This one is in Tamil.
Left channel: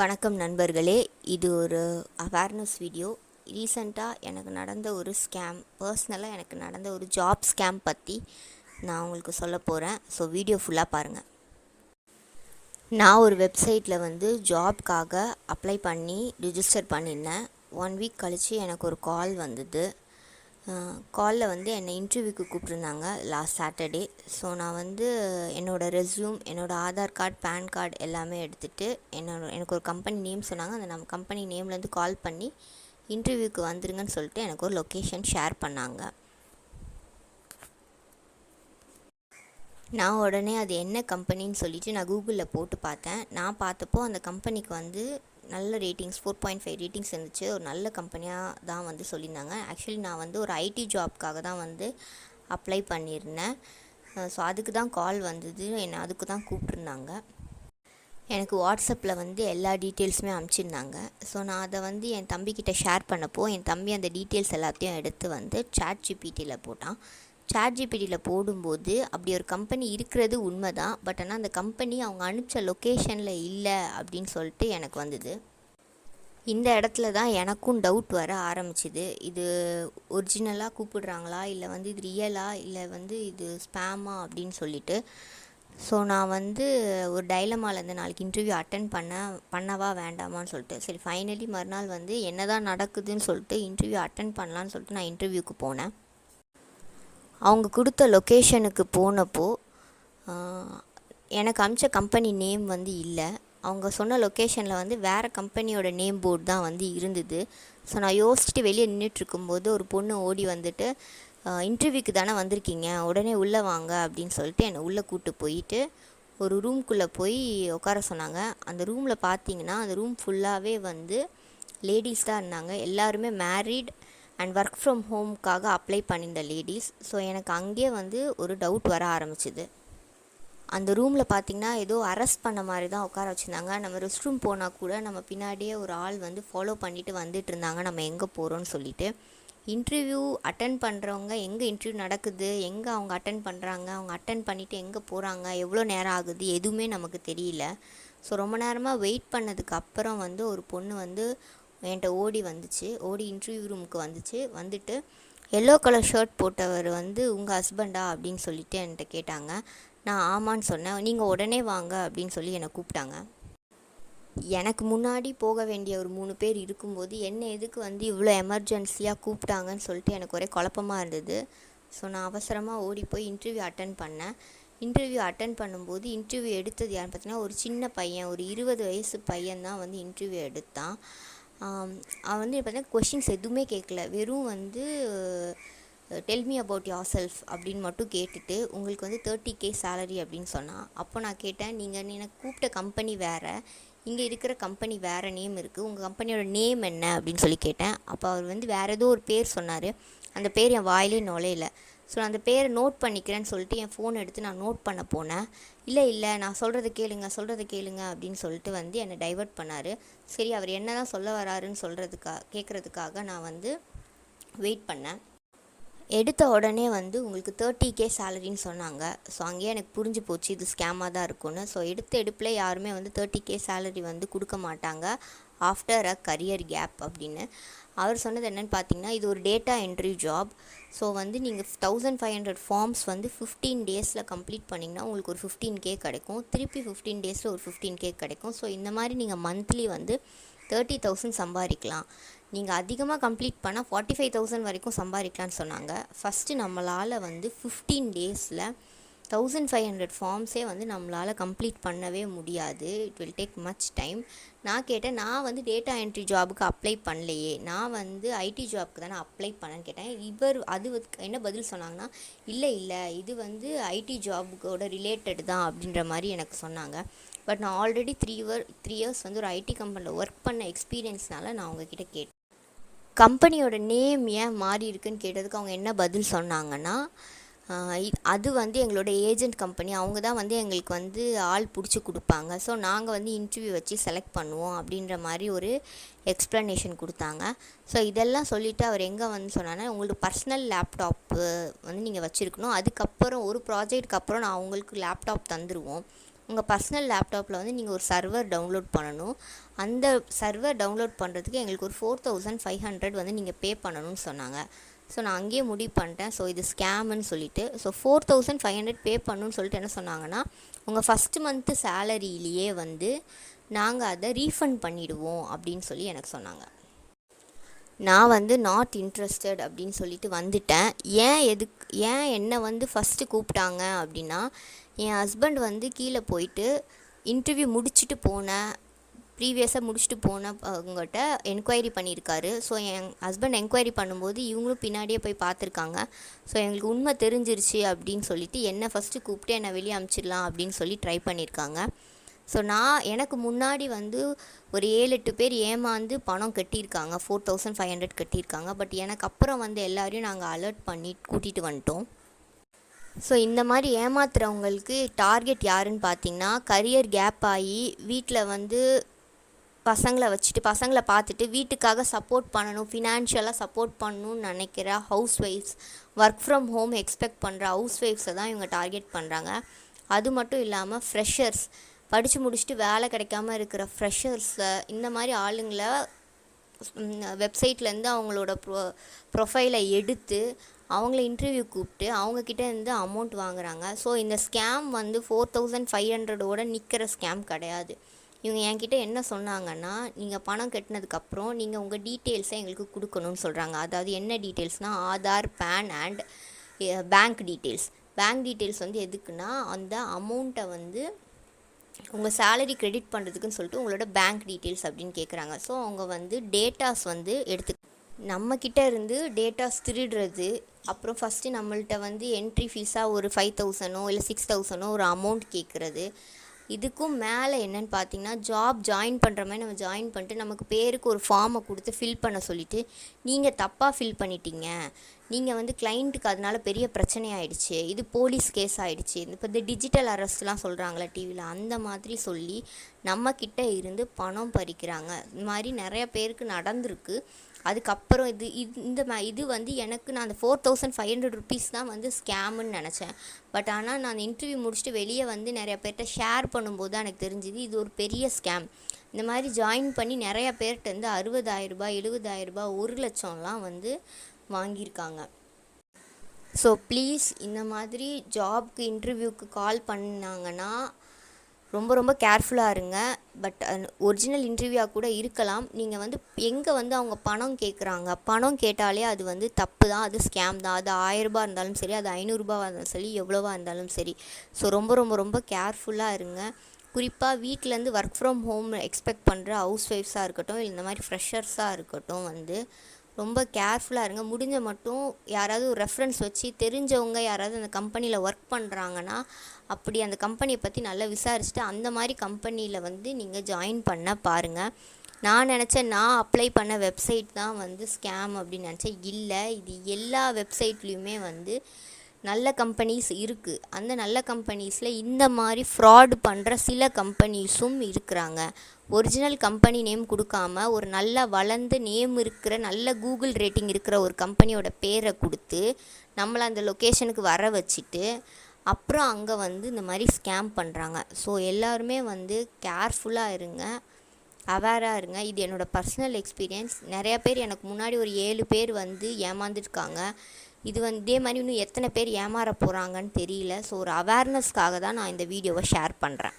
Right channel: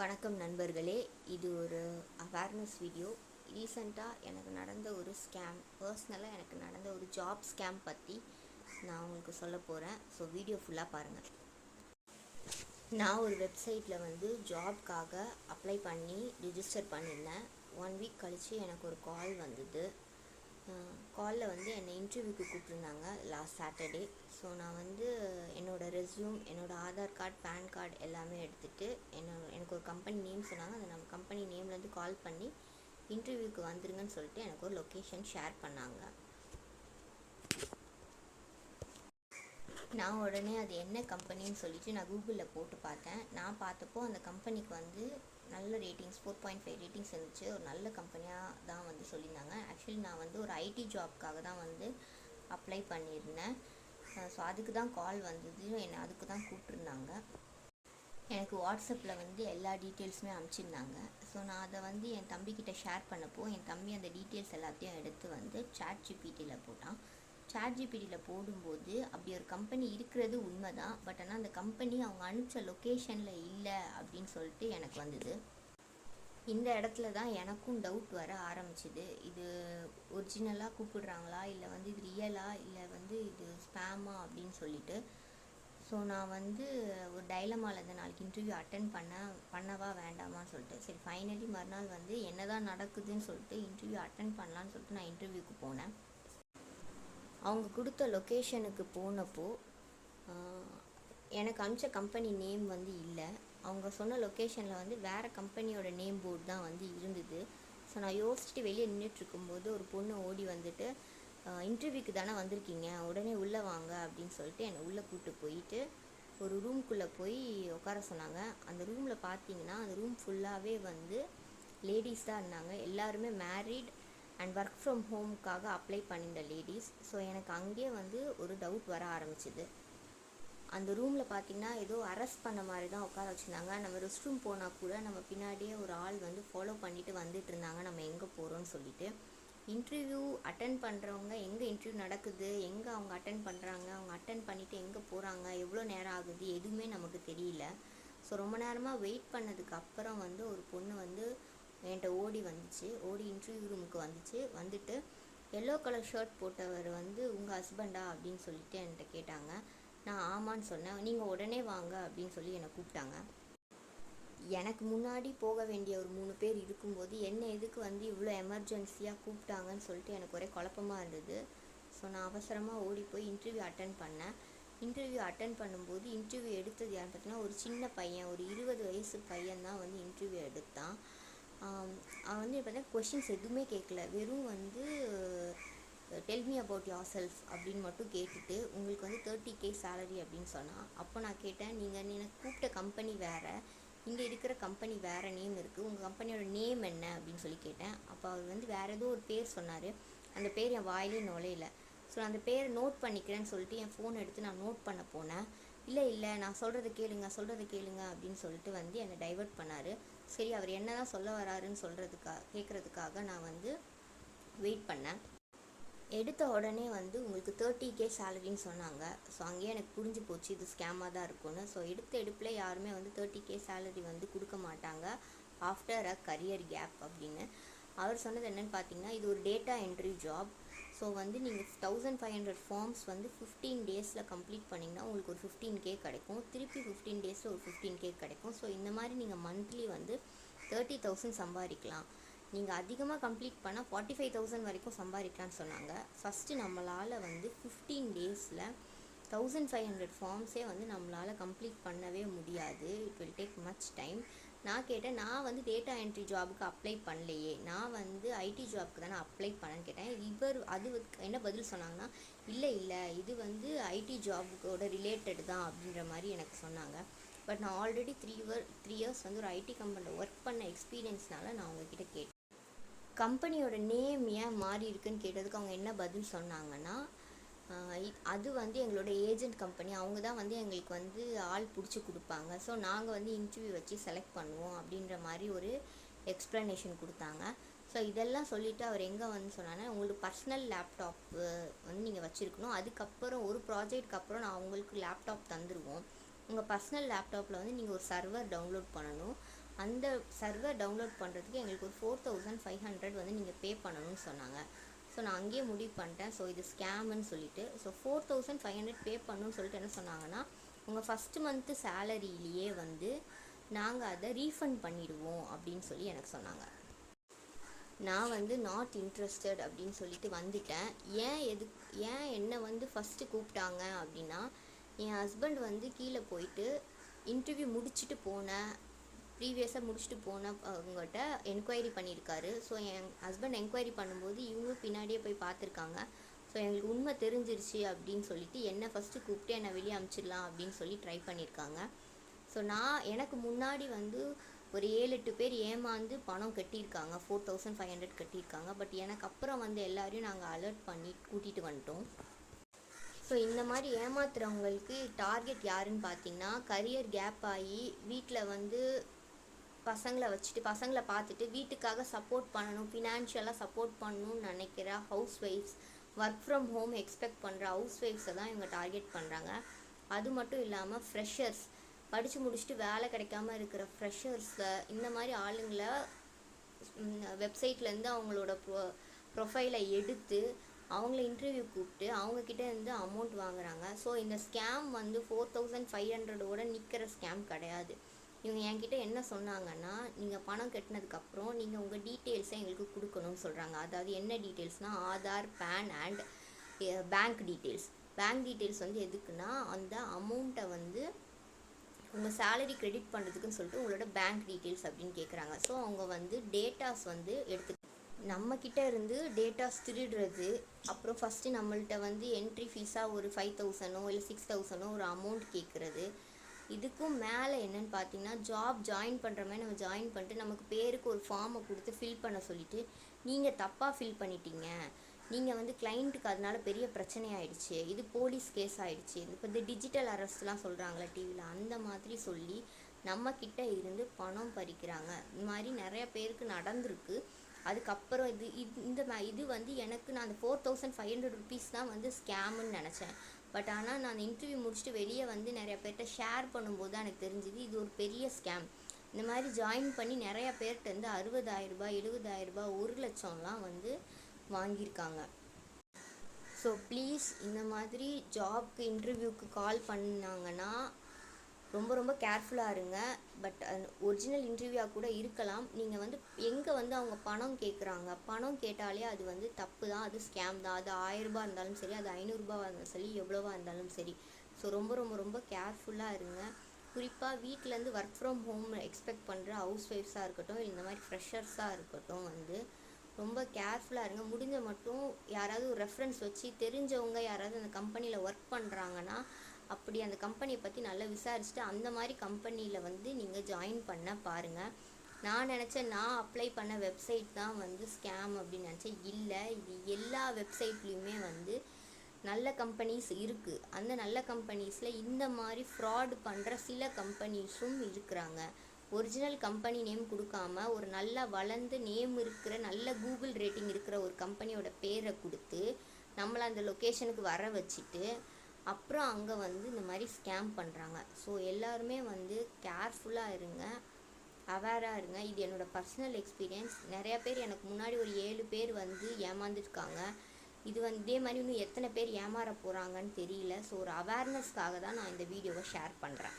வணக்கம் நண்பர்களே, இது ஒரு அவேர்னஸ் வீடியோ. ரீசெண்டாக எனக்கு நடந்த ஒரு ஸ்கேம், பர்சனலாக எனக்கு நடந்த ஒரு ஜாப் ஸ்கேம் பற்றி நான் உங்களுக்கு சொல்ல போகிறேன். ஸோ வீடியோ ஃபுல்லாக பாருங்கள். நான் ஒரு வெப்சைட்டில் ஜாப்காக அப்ளை பண்ணி ரிஜிஸ்டர் பண்ணியிருந்தேன். 1 வீக் கழித்து எனக்கு ஒரு கால் வந்தது. காலில் என்னை இன்டர்வியூக்கு கூப்பிட்ருந்தாங்க லாஸ்ட் சாட்டர்டே. ஸோ நான் என்னோடய ரெஸ்யூம், என்னோடய ஆதார் கார்டு, பேன் கார்டு எல்லாமே எடுத்துகிட்டு எனக்கு ஒரு கம்பெனி நேம் சொன்னாங்க. அந்த நம்ம கம்பெனி நேம்லேருந்து கால் பண்ணி இன்டர்வியூக்கு வந்துருங்கன்னு சொல்லிட்டு எனக்கு ஒரு லொக்கேஷன் ஷேர் பண்ணாங்க. நான் உடனே அது என்ன கம்பெனின்னு சொல்லிவிட்டு நான் கூகுளில் போட்டு பார்த்தேன். நான் பார்த்தப்போ அந்த கம்பெனிக்கு நல்ல ரேட்டிங்ஸ் 4.5 ரேட்டிங்ஸ் இருந்துச்சு. ஒரு நல்ல கம்பெனியாக தான் சொல்லியிருந்தாங்க. ஆக்சுவலி நான் ஒரு ஐடி ஜாப்க்காக தான் அப்ளை பண்ணியிருந்தேன். ஸோ அதுக்கு தான் கால் வந்தது. என்னை அதுக்கு தான் கூப்பிட்ருந்தாங்க. எனக்கு வாட்ஸ்அப்பில் எல்லா டீட்டெயில்ஸுமே அனுப்பிச்சிருந்தாங்க. ஸோ நான் அதை என் தம்பிக்கிட்ட ஷேர் பண்ணப்போ என் தம்பி அந்த டீட்டெயில்ஸ் எல்லாத்தையும் எடுத்து சாட்ஜிபிடியில் போட்டான். சாட்ஜிபிடியில் போடும்போது அப்படி ஒரு கம்பெனி இருக்கிறது உண்மை தான். பட் ஆனால் அந்த கம்பெனி அவங்க அனுப்பிச்ச லொக்கேஷனில் இல்லை அப்படின்னு சொல்லிட்டு எனக்கு வந்தது. இந்த இடத்துல தான் எனக்கும் டவுட் வர ஆரம்பிச்சிது. இது ஒரிஜினலாக கூப்பிடுறாங்களா, இல்லை இது ரியலா, இல்லை இது ஸ்பேமா அப்படின்னு சொல்லிட்டு. ஸோ நான் ஒரு டைலமாவில் நாளைக்கு இன்டர்வியூ அட்டன் பண்ணவா வேண்டாமான்னு சொல்லிட்டு, சரி ஃபைனலி மறுநாள் என்ன தான் நடக்குதுன்னு சொல்லிட்டு இன்டர்வியூ அட்டன் பண்ணலான்னு சொல்லிட்டு நான் இன்டர்வியூக்கு போனேன். அவங்க கொடுத்த லொக்கேஷனுக்கு போனப்போ எனக்கு அனுப்பிச்ச கம்பெனி நேம் இல்லை. அவங்க சொன்ன லொக்கேஷனில் வேறு கம்பெனியோட நேம் போர்டு தான் இருந்தது. ஸோ நான் யோசிச்சுட்டு வெளியே நின்றுட்டுருக்கும்போது ஒரு பொண்ணு ஓடி இன்டர்வியூக்கு தானே வந்திருக்கீங்க, உடனே உள்ளே வாங்க அப்படின்னு சொல்லிட்டு என்னை உள்ளே கூப்பிட்டு போயிட்டு ஒரு ரூம்குள்ளே போய் உட்கார சொன்னாங்க. அந்த ரூமில் பார்த்தீங்கன்னா அந்த ரூம் ஃபுல்லாகவே லேடிஸ் தான் இருந்தாங்க. எல்லாருமே மேரிட் அண்ட் ஒர்க் ஃப்ரம் ஹோம்க்காக அப்ளை பண்ணியிருந்த லேடிஸ். ஸோ எனக்கு அங்கேயே ஒரு டவுட் வர ஆரம்பிச்சிது. அந்த ரூமில் பார்த்திங்கன்னா ஏதோ அரெஸ்ட் பண்ண மாதிரி தான் உட்கார வச்சுருந்தாங்க. நம்ம ரெஸ்ட் ரூம் போனால் கூட நம்ம பின்னாடியே ஒரு ஆள் ஃபாலோ பண்ணிட்டு வந்துட்டு இருந்தாங்க, நம்ம எங்கே போகிறோன்னு சொல்லிட்டு. இன்டர்வியூ அட்டன் பண்ணுறவங்க எங்கே இன்டர்வியூ நடக்குது, எங்கே அவங்க அட்டன் பண்ணுறாங்க, அவங்க அட்டன் பண்ணிவிட்டு எங்கே போகிறாங்க, எவ்வளோ நேரம் ஆகுது, எதுவுமே நமக்கு தெரியல. ஸோ ரொம்ப நேரமாக வெயிட் பண்ணதுக்கு அப்புறம் ஒரு பொண்ணு என்கிட்ட ஓடி இன்டர்வியூ ரூமுக்கு வந்துட்டு எல்லோ கலர் ஷர்ட் போட்டவர் உங்கள் ஹஸ்பண்டா அப்படின்னு சொல்லிட்டு என்கிட்ட கேட்டாங்க. நான் ஆமான்னு சொன்னேன். நீங்கள் உடனே வாங்க அப்படின்னு சொல்லி என்னை கூப்பிட்டாங்க. எனக்கு முன்னாடி போக வேண்டிய ஒரு 3 பேர் இருக்கும்போது என்ன எதுக்கு இவ்வளோ எமர்ஜென்சியாக கூப்பிட்டாங்கன்னு சொல்லிட்டு எனக்கு ஒரே குழப்பமாக இருந்தது. ஸோ நான் அவசரமாக ஓடி போய் இன்டர்வியூ அட்டன் பண்ணேன். இன்டர்வியூ அட்டன் பண்ணும்போது இன்டர்வியூ எடுத்தது யாருன்னு பார்த்தீங்கன்னா ஒரு சின்ன பையன், ஒரு 20 வயசு பையன் தான் இன்டர்வியூ எடுத்தான். அவன் பார்த்தீங்கன்னா கொஷின்ஸ் எதுவுமே கேட்கல. வெறும் tell me about your self அப்படின்னு மட்டும் கேட்டுட்டு உங்களுக்கு 30K சேலரி அப்படின்னு சொன்னான். அப்போ நான் கேட்டேன், நீங்கள் எனக்கு கூப்பிட்ட கம்பெனி வேறு, இங்கே இருக்கிற கம்பெனி வேறு நேம் இருக்குது, உங்கள் கம்பெனியோட நேம் என்ன அப்படின்னு சொல்லி கேட்டேன். அப்போ அவர் வேறு ஏதோ ஒரு பேர் சொன்னார். அந்த பேர் என் வாயிலே நுழையில. ஸோ நான் அந்த பேரை நோட் பண்ணிக்கிறேன்னு சொல்லிட்டு என் ஃபோன் எடுத்து நான் நோட் பண்ண போனேன். இல்லை நான் சொல்கிறத கேளுங்க அப்படின்னு சொல்லிட்டு என்னை டைவர்ட் பண்ணார். சரி, அவர் என்ன தான் சொல்ல வராருன்னு கேட்குறதுக்காக நான் வெயிட் பண்ணேன். எடுத்த உடனே உங்களுக்கு 30K சேலரின்னு சொன்னாங்க. ஸோ அங்கேயே எனக்கு புரிஞ்சு போச்சு இது ஸ்கேமாக தான் இருக்கும்னு. ஸோ எடுப்பில் யாருமே 30K சேலரி கொடுக்க மாட்டாங்க ஆஃப்டர் அ கரியர் கேப் அப்படின்னு. அவர் சொன்னது என்னென்னு பார்த்தீங்கன்னா, இது ஒரு டேட்டா என்ட்ரி ஜாப். ஸோ நீங்கள் 1500 ஃபார்ம்ஸ் 15 டேஸில் கம்ப்ளீட் பண்ணிங்கன்னா உங்களுக்கு ஒரு 15K கிடைக்கும். திருப்பி 15 டேஸில் ஒரு 15K கிடைக்கும். ஸோ இந்த மாதிரி நீங்கள் மந்த்லி 30,000 சம்பாதிக்கலாம். நீங்கள் அதிகமாக கம்ப்ளீட் பண்ணால் 45,000 வரைக்கும் சம்பாதிக்கலான்னு சொன்னாங்க. ஃபஸ்ட்டு நம்மளால் 15 டேஸில் 1500 ஃபார்ம்ஸே நம்மளால் கம்ப்ளீட் பண்ணவே முடியாது. It will take much time. நான் கேட்டேன், நான் டேட்டா என்ட்ரி ஜாபுக்கு அப்ளை பண்ணலையே, நான் ஐடி ஜாபுக்கு தானே அப்ளை பண்ணேன்னு கேட்டேன். இவர் என்ன பதில் சொன்னாங்கன்னா, இல்லை இது ஐடி ஜாபுக்கோட ரிலேட்டட் தான் அப்படின்ற மாதிரி எனக்கு சொன்னாங்க. பட் நான் ஆல்ரெடி 3 இயர்ஸ் ஒரு ஐடி கம்பெனியில் ஒர்க் பண்ண எக்ஸ்பீரியன்ஸ்னால நான் அவங்கக்கிட்ட கேட்டேன். கம்பெனியோட நேம் ஏன் மாறி இருக்குன்னு கேட்டதுக்கு அவங்க என்ன பதில் சொன்னாங்கன்னா, அது எங்களோட ஏஜென்ட் கம்பெனி, அவங்க தான் எங்களுக்கு ஆள் பிடிச்சி கொடுப்பாங்க. ஸோ நாங்கள் இன்டர்வியூ வச்சு செலக்ட் பண்ணுவோம் அப்படின்ற மாதிரி ஒரு எக்ஸ்ப்ளனேஷன் கொடுத்தாங்க. ஸோ இதெல்லாம் சொல்லிவிட்டு அவர் எங்கே சொன்னாங்கன்னா, உங்களுக்கு பர்சனல் லேப்டாப்பு நீங்கள் வச்சுருக்கணும். அதுக்கப்புறம் ஒரு ப்ராஜெக்ட்டுக்கு அப்புறம் நான் உங்களுக்கு லேப்டாப் தந்துடுவோம். உங்கள் பர்சனல் லேப்டாப்பில் வந்து நீங்கள் ஒரு சர்வர் டவுன்லோட் பண்ணணும். அந்த சர்வர் டவுன்லோட் பண்ணுறதுக்கு எங்களுக்கு ஒரு 4500 வந்து நீங்கள் பே பண்ணணும்னு சொன்னாங்க. ஸோ நான் அங்கேயே முடிவு பண்ணிட்டேன். ஸோ இது ஸ்கேமுன்னு சொல்லிட்டு. ஸோ 4500 பே பண்ணணும்னு சொல்லிட்டு என்ன சொன்னாங்கன்னா, உங்கள் ஃபஸ்ட்டு மந்த்து சேலரியிலேயே வந்து நாங்கள் அதை ரீஃபண்ட் பண்ணிவிடுவோம் அப்படின்னு சொல்லி எனக்கு சொன்னாங்க. நான் வந்து நாட் இன்ட்ரெஸ்டட் அப்படின்னு சொல்லிட்டு வந்துட்டேன். ஏன் என்னை வந்து ஃபஸ்ட்டு கூப்பிட்டாங்க அப்படின்னா, என் ஹஸ்பண்ட் வந்து கீழே போயிட்டு இன்டர்வியூ முடிச்சுட்டு ப்ரீவியஸாக முடிச்சுட்டு போனவங்ககிட்ட என்கொயரி பண்ணியிருக்காரு. ஸோ என் ஹஸ்பண்ட் என்கொயரி பண்ணும்போது இவங்களும் பின்னாடியே போய் பார்த்துருக்காங்க. ஸோ எங்களுக்கு உண்மை தெரிஞ்சிருச்சு அப்படின்னு சொல்லிட்டு என்னை ஃபஸ்ட்டு கூப்பிட்டு என்னை வெளியே அனுப்பிச்சிடலாம் அப்படின்னு சொல்லி ட்ரை பண்ணியிருக்காங்க. ஸோ எனக்கு முன்னாடி வந்து ஒரு 7-8 பேர் ஏமாந்து பணம் கட்டியிருக்காங்க, 4500 கட்டியிருக்காங்க. பட் எனக்கு அப்புறம் வந்து எல்லாரையும் நாங்கள் அலர்ட் பண்ணி கூட்டிகிட்டு வந்துட்டோம். ஸோ இந்த மாதிரி ஏமாத்துறவங்களுக்கு டார்கெட் யாருன்னு பார்த்தீங்கன்னா, கரியர் கேப் ஆகி வீட்டில் வந்து பசங்களை பார்த்துட்டு வீட்டுக்காக சப்போர்ட் பண்ணணும், ஃபினான்ஷியலாக சப்போர்ட் பண்ணணும்னு நினைக்கிற house wives, work from home expect பண்ணுற ஹவுஸ் ஒய்ஃப்ஸை தான் இவங்க டார்கெட் பண்ணுறாங்க. அது மட்டும் இல்லாமல் ஃப்ரெஷர்ஸ், படித்து முடிச்சுட்டு வேலை கிடைக்காம இருக்கிற ஃப்ரெஷர்ஸை, இந்த மாதிரி ஆளுங்களை வெப்சைட்லேருந்து அவங்களோட ப்ரொஃபைலை எடுத்து அவங்கள இன்டர்வியூ கூப்பிட்டு அவங்கக்கிட்ட இருந்து அமௌண்ட் வாங்குறாங்க. ஸோ இந்த ஸ்கேம் வந்து 4500ஓட நிற்கிற ஸ்கேம் கிடையாது. இவங்க என்கிட்ட என்ன சொன்னாங்கன்னா, நீங்கள் பணம் கட்டினதுக்கப்புறம் நீங்கள் உங்கள் டீட்டெயில்ஸை எங்களுக்கு கொடுக்கணும்னு சொல்கிறாங்க. அதாவது என்ன டீட்டெயில்ஸ்னால் Aadhaar, PAN and bank details. Bank details வந்து எதுக்குன்னா, அந்த அமௌண்ட்டை வந்து உங்கள் சேலரி கிரெடிட் பண்ணுறதுக்குன்னு சொல்லிட்டு உங்களோட பேங்க் டீட்டெயில்ஸ் அப்படின்னு கேட்குறாங்க. ஸோ அவங்க வந்து டேட்டாஸ் வந்து நம்மக்கிட்ட இருந்து டேட்டாஸ் திருடுறது. அப்புறம் ஃபஸ்ட்டு நம்மள்கிட்ட வந்து என்ட்ரி ஃபீஸாக ஒரு 5000 இல்லை 6000 ஒரு அமௌண்ட் கேட்குறது. இதுக்கும் மேலே என்னென்னு பார்த்தீங்கன்னா, ஜாப் ஜாயின் பண்ணுற மாதிரி நம்ம ஜாயின் பண்ணிட்டு நமக்கு பேருக்கு ஒரு ஃபார்மை கொடுத்து ஃபில் பண்ண சொல்லிவிட்டு, நீங்கள் தப்பாக ஃபில் பண்ணிட்டீங்க, நீங்கள் வந்து கிளைண்ட்டுக்கு அதனால பெரிய பிரச்சனை ஆகிடுச்சு, இது போலீஸ் கேஸ் ஆகிடுச்சு, இப்போ இந்த டிஜிட்டல் அரெஸ்ட்லாம் சொல்கிறாங்களா டிவியில், அந்த மாதிரி சொல்லி நம்மக்கிட்ட இருந்து பணம் பறிக்கிறாங்க. இந்த மாதிரி நிறைய பேருக்கு நடந்திருக்கு. அதுக்கப்புறம் இது வந்து எனக்கு நான் அந்த 4500 ருபீஸ் தான் வந்து ஸ்கேமுன்னு நினச்சேன். பட் ஆனால் நான் இன்டர்வியூ முடிச்சுட்டு வெளியே வந்து நிறைய பேர்கிட்ட ஷேர் பண்ணும்போது தான் எனக்கு தெரிஞ்சுது இது ஒரு பெரிய ஸ்கேம். இந்த மாதிரி ஜாயின் பண்ணி நிறையா பேர்கிட்ட வந்து 60000 ரூபாய், 70000 ரூபாய், 1,00,000லாம் வந்து வாங்கியிருக்காங்க. ஸோ ப்ளீஸ் இந்த மாதிரி ஜாப்க்கு இன்டர்வியூக்கு கால் பண்ணாங்கன்னா ரொம்ப ரொம்ப கேர்ஃபுல்லாக இருங்க. பட் ஒரிஜினல் இன்டர்வியூவாக கூட இருக்கலாம். நீங்கள் வந்து எங்கே வந்து அவங்க பணம் கேட்குறாங்க, பணம் கேட்டாலே அது வந்து தப்பு தான், அது ஸ்கேம் தான். அது 1000 ரூபாய் இருந்தாலும் சரி, அது 500 ரூபாய் இருந்தாலும் சரி, எவ்வளோவா இருந்தாலும் சரி. ஸோ ரொம்ப ரொம்ப ரொம்ப கேர்ஃபுல்லாக இருங்க. குறிப்பாக வீட்டிலேருந்து ஒர்க் ஃப்ரம் ஹோம் எக்ஸ்பெக்ட் பண்ணுற ஹவுஸ் ஒய்ஃப்ஸாக இருக்கட்டும், இல்லை இந்த மாதிரி ஃப்ரெஷர்ஸாக இருக்கட்டும், வந்து ரொம்ப கேர்ஃபுல்லாக இருங்க. முடிஞ்ச மட்டும் யாராவது ஒரு ரெஃபரன்ஸ் வச்சு தெரிஞ்சவங்க யாராவது அந்த கம்பெனியில் ஒர்க் பண்ணுறாங்கன்னா, அப்படி அந்த கம்பெனியை பற்றி நல்லா விசாரிச்சுட்டு அந்த மாதிரி கம்பெனியில் வந்து நீங்கள் ஜாயின் பண்ண பாருங்கள். நான் அப்ளை பண்ண வெப்சைட் தான் வந்து ஸ்கேம் அப்படின்னு நினச்சேன். இல்லை, இது எல்லா வெப்சைட்லேயுமே வந்து நல்ல கம்பெனிஸ் இருக்குது. அந்த நல்ல கம்பெனிஸில் இந்த மாதிரி ஃப்ராட் பண்ணுற சில கம்பெனிஸும் இருக்கிறாங்க. ஒரிஜினல் கம்பெனி நேம் கொடுக்காம ஒரு நல்ல வளர்ந்த நேம் இருக்கிற, நல்ல கூகுள் ரேட்டிங் இருக்கிற ஒரு கம்பெனியோட பேரை கொடுத்து நம்மளை அந்த லொக்கேஷனுக்கு வர வச்சுட்டு அப்புறம் அங்கே வந்து இந்த மாதிரி ஸ்கேம் பண்ணுறாங்க. ஸோ எல்லாருமே வந்து கேர்ஃபுல்லாக இருங்க, அவேராக இருங்க. இது என்னோடய பர்சனல் எக்ஸ்பீரியன்ஸ். நிறையா பேர் எனக்கு முன்னாடி ஒரு 7 பேர் வந்து ஏமாந்துருக்காங்க. இது வந்து இதே மாதிரி இன்னும் எத்தனை பேர் ஏமாற போகிறாங்கன்னு தெரியல. ஸோ ஒரு அவேர்னஸ்க்காக தான் நான் இந்த வீடியோவை ஷேர் பண்ணுறேன்.